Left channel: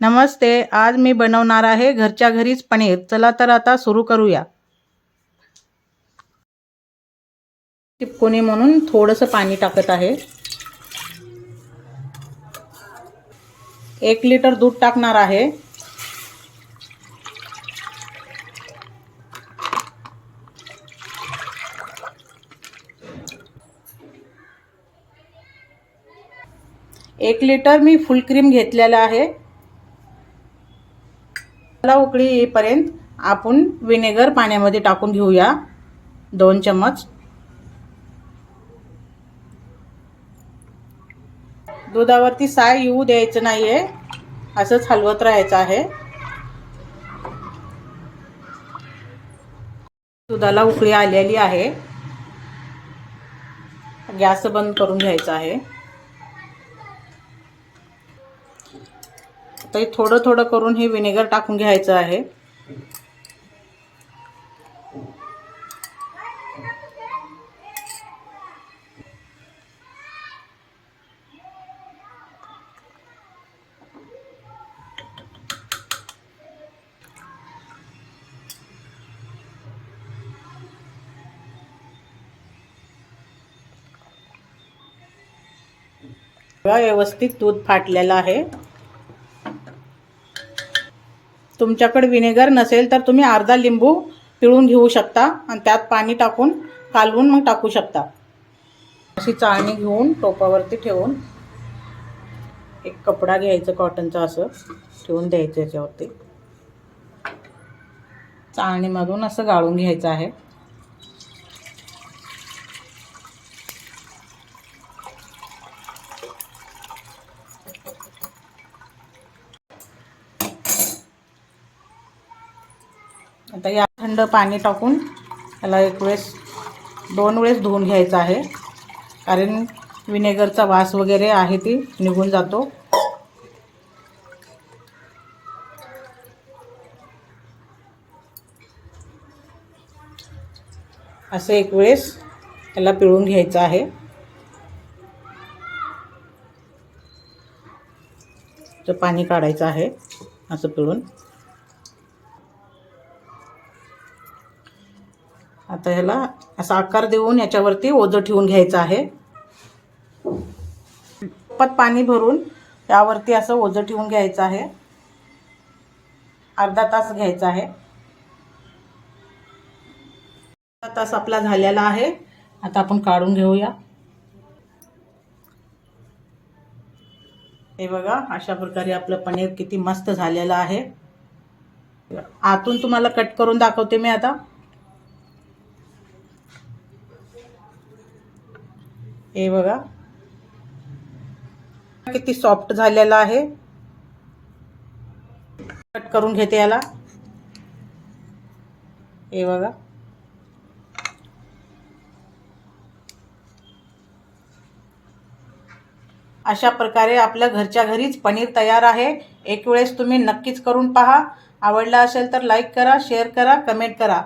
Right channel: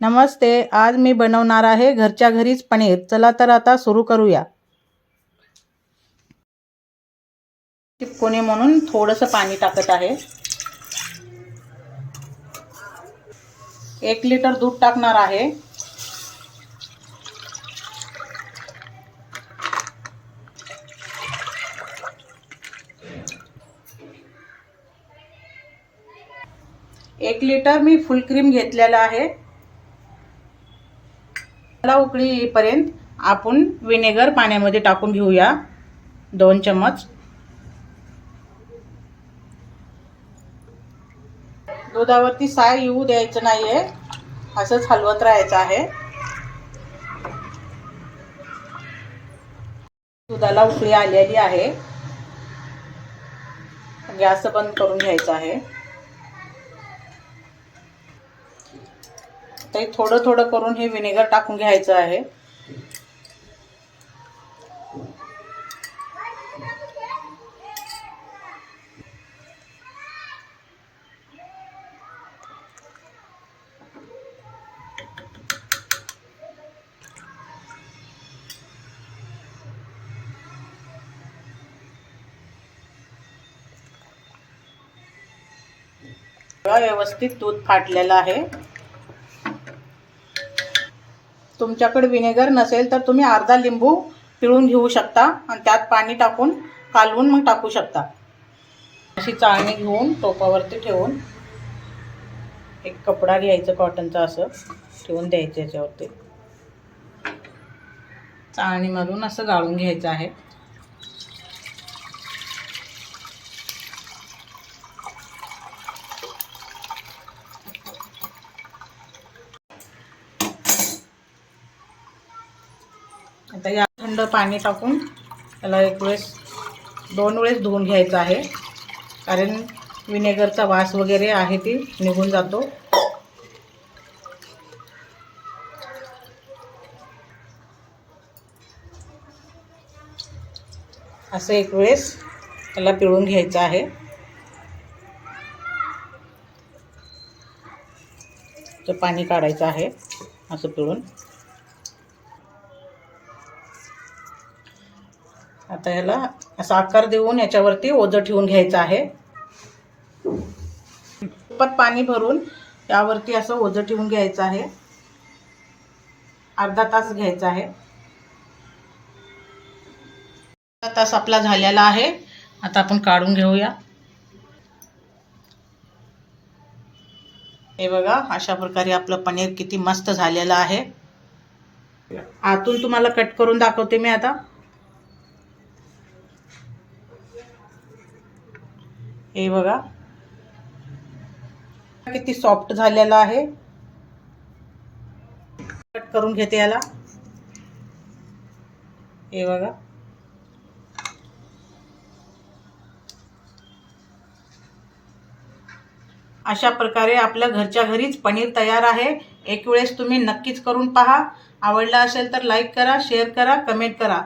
नमस्ते आज मी बनवणार आहे घरच्या घरीच पनीर. चला तर आता सुरू करूया. चिपकोणी म्हणून थोडंसं पाणी टाकत आहे. एक लिटर दूध टाकणार आहे. एक लिटर मी फुल क्रीम घेतलेला आहे. त्याला उकळी येईपर्यंत आपण विनेगर पाण्यामध्ये टाकून घेऊया. दोन चमच दुधावरती साय येऊ द्यायचं नाहीये. असंच हलवत राहायचं आहे. दुधाला उकळी आलेली आहे. गॅस बंद करून घ्यायचा आहे. तर थोडं थोडं करून हे विनेगर टाकून घ्यायचं आहे. व्यवस्थित दूध फाटलेलं आहे. तुमच्याकडे विनेगर नसेल तर तुम्ही अर्धा लिंबू पिळून घेऊ शकता आणि त्यात पाणी टाकून कालवून मग टाकू शकता. अशी चाळणी घेऊन टोपावरती ठेवून एक कपडा घ्यायचं कॉटनचा असं ठेवून द्यायचं याच्यावरती. चाळणीमधून असं गाळून घ्यायचं आहे. आता या थंड पाणी टाकून त्याला एक वेळेस दोन वेळेस धुवून घ्यायचं आहे. कारण विनेगरचा वास वगैरे आहे ती निघून जातो. असं एक वेळेस त्याला पिळून घ्यायचं आहे. तर पाणी काढायचं आहे असं पिळून. आता ह्याला असा आकार देऊन याच्यावरती ओझं ठेवून घ्यायचं आहे. पत पाणी भरून यावरती असं ओझं ठेवून घ्यायचं आहे. अर्धा तास घ्यायचा आहे. अर्धा तास आपला झालेला आहे. आता आपण काढून घेऊया. हे बघा अशा प्रकारे आपलं पनीर किती मस्त झालेलं आहे. आतून तुम्हाला कट करून दाखवते मी आता. हे बघा. किती सॉफ्ट झालेला आहे. कट करून घेते याला. हे बघा. अशा प्रकारे आपल्या घरच्या घरीच पनीर तयार आहे. एक वेळेस तुम्ही नक्कीच करून पहा. आवडला असेल तर लाईक करा शेअर करा कमेंट करा.